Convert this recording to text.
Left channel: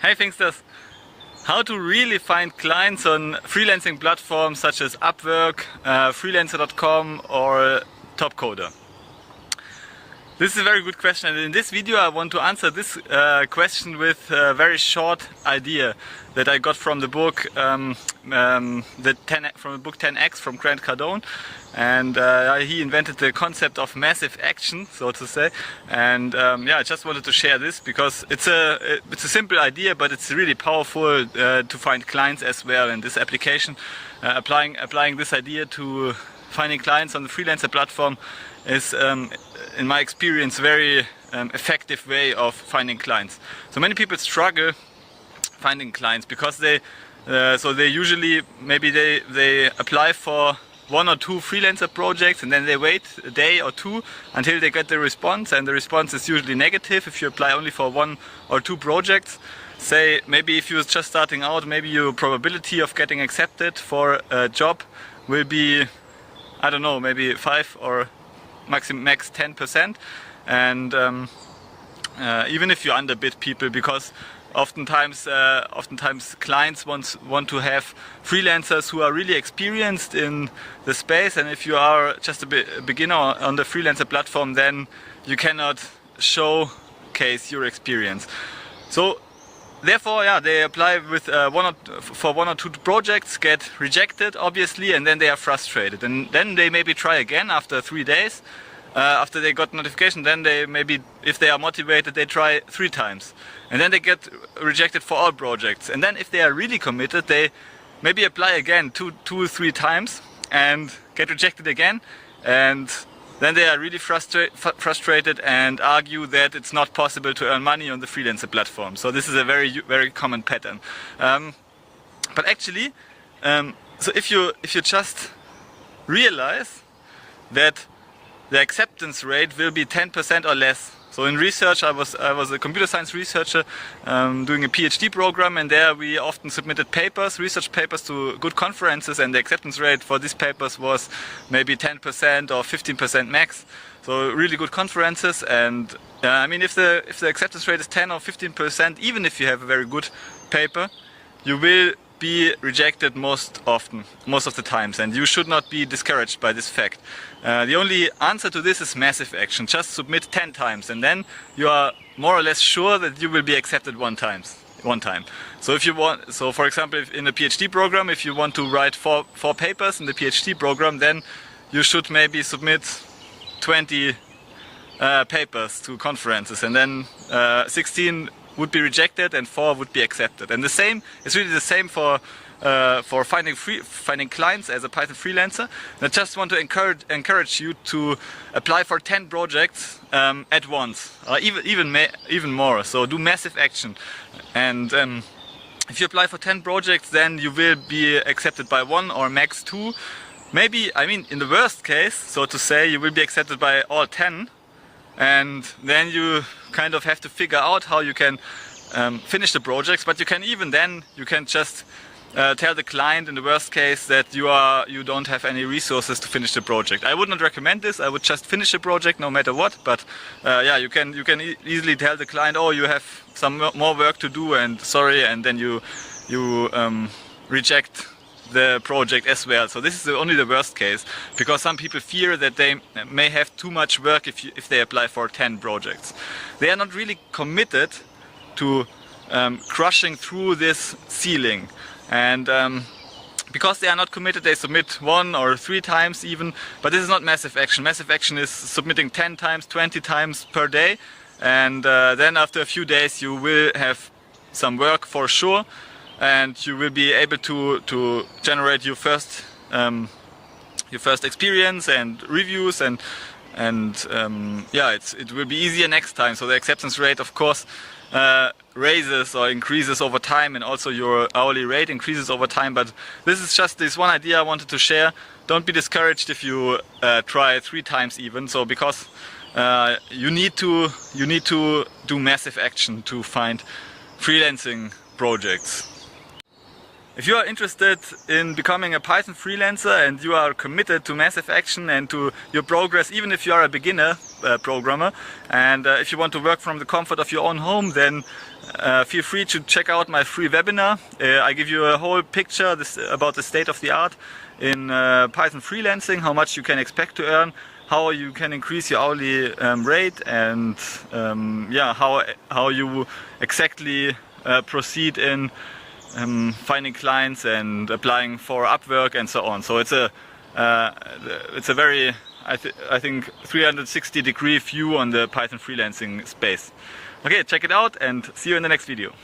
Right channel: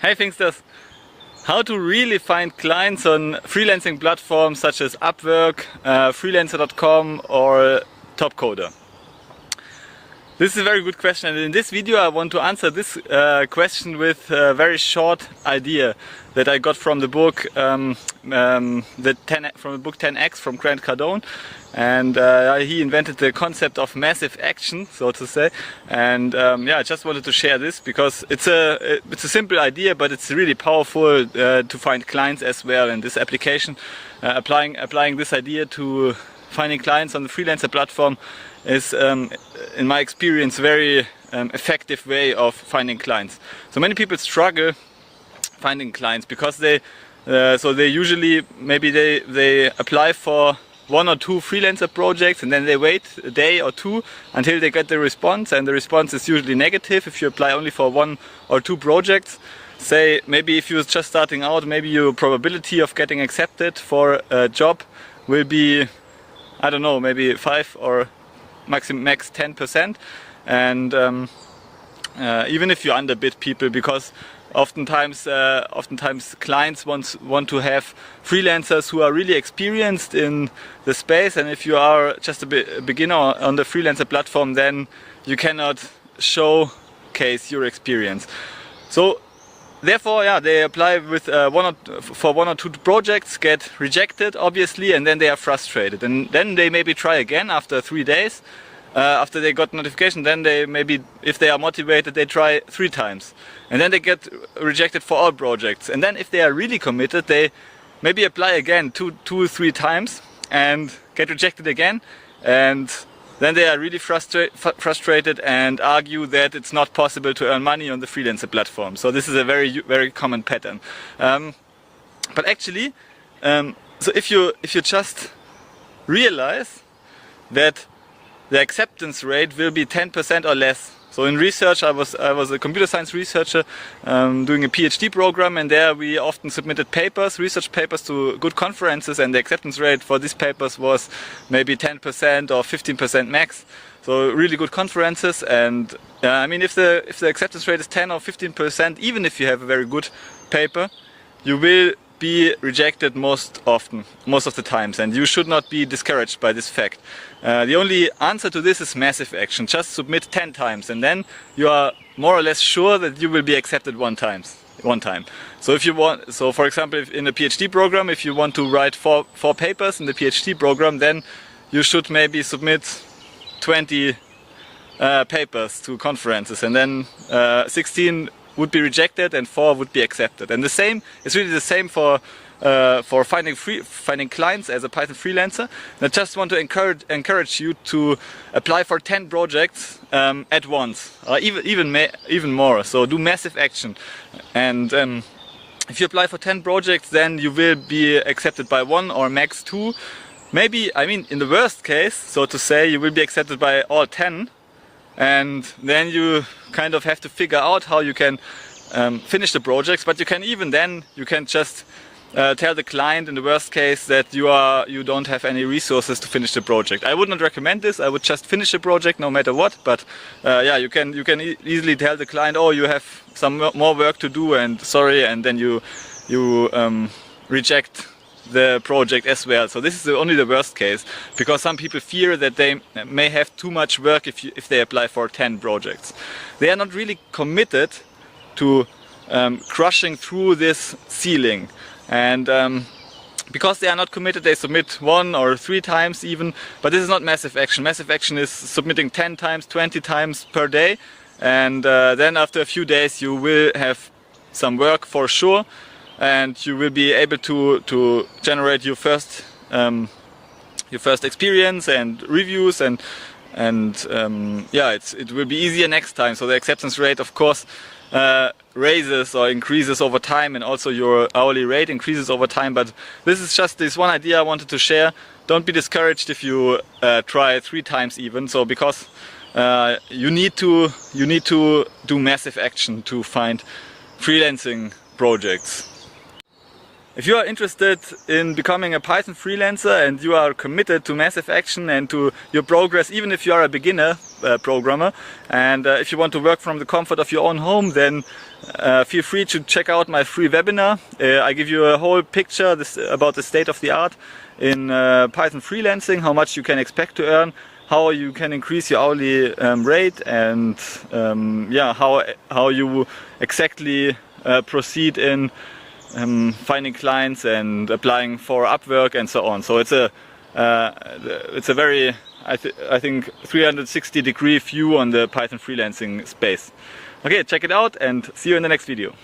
Hey Thinksters! How to really find clients on freelancing platforms such as Upwork, freelancer.com or Topcoder. This is a very good question, and in this video I want to answer this question with a very short idea that I got from the book from the book 10X from Grant Cardone. And he invented the concept of massive action, so to say. And I just wanted to share this because it's a simple idea, but it's really powerful to find clients as well. And this application, applying this idea to finding clients on the freelancer platform is, in my experience, very effective way of finding clients. So many people struggle finding clients because they usually they apply for one or two freelancer projects and then they wait a day or two until they get the response, and the response is usually negative if you apply only for one or two projects. Say maybe if you're just starting out, maybe your probability of getting accepted for a job will be, I don't know, maybe 5 or max 10%, and even if you underbid people, because oftentimes clients want to have freelancers who are really experienced in the space, and if you are just a beginner on the freelancer platform, then you cannot showcase your experience. So therefore, they apply with for one or two projects, get rejected obviously, and then they are frustrated, and then they maybe try again after 3 days. After they got notification, then they maybe, if they are motivated, they try 3 times. And then they get rejected for all projects. And then if they are really committed, they maybe apply again two or three times and get rejected again. And then they are really frustrated and argue that it's not possible to earn money on the freelancer platform. So this is a very, very common pattern. But actually, so if you just realize that the acceptance rate will be 10% or less. So in research, I was a computer science researcher doing a PhD program, and there we often submitted research papers to good conferences, and the acceptance rate for these papers was maybe 10% or 15% max. So really good conferences, and I mean, if the acceptance rate is 10 or 15%, even if you have a very good paper, you will be rejected most of the times, and you should not be discouraged by this fact. The only answer to this is massive action. Just submit 10 times, and then you are more or less sure that you will be accepted one time. So if you want, so for example, in a PhD program, if you want to write four papers in the PhD program, then you should maybe submit 20 papers to conferences, and then 16 would be rejected and 4 would be accepted. And it's really the same for finding clients as a Python freelancer. And I just want to encourage you to apply for 10 projects at once, or even more. So do massive action. And if you apply for 10 projects, then you will be accepted by 1 or max 2. Maybe, I mean, in the worst case, so to say, you will be accepted by all 10. And then you kind of have to figure out how you can finish the projects. But you can just tell the client in the worst case that you don't have any resources to finish the project. I would not recommend this. I would just finish the project no matter what. But you can easily tell the client, oh, you have some more work to do, and sorry, and then you reject the project as well. So this is only the worst case, because some people fear that they may have too much work if they apply for 10 projects. They are not really committed to crushing through this ceiling, and because they are not committed, they submit 1 or 3 times even. But this is not massive action. Massive action is submitting 10 times, 20 times per day, and then after a few days you will have some work for sure, and you will be able to generate your first experience and reviews, and it will be easier next time. So the acceptance rate, of course, raises or increases over time, and also your hourly rate increases over time. But this is just this one idea I wanted to share. Don't be discouraged if you try 3 times even. So because you need to do massive action to find freelancing projects. If you are interested in becoming a Python freelancer and you are committed to massive action and to your progress, even if you are a beginner programmer, and if you want to work from the comfort of your own home, then feel free to check out my free webinar. I give you a whole picture about the state of the art in Python freelancing, how much you can expect to earn, how you can increase your hourly rate, and yeah, how you exactly proceed in finding clients and applying for Upwork and so on. So it's a very, I think 360-degree view on the Python freelancing space. Okay, check it out and see you in the next video.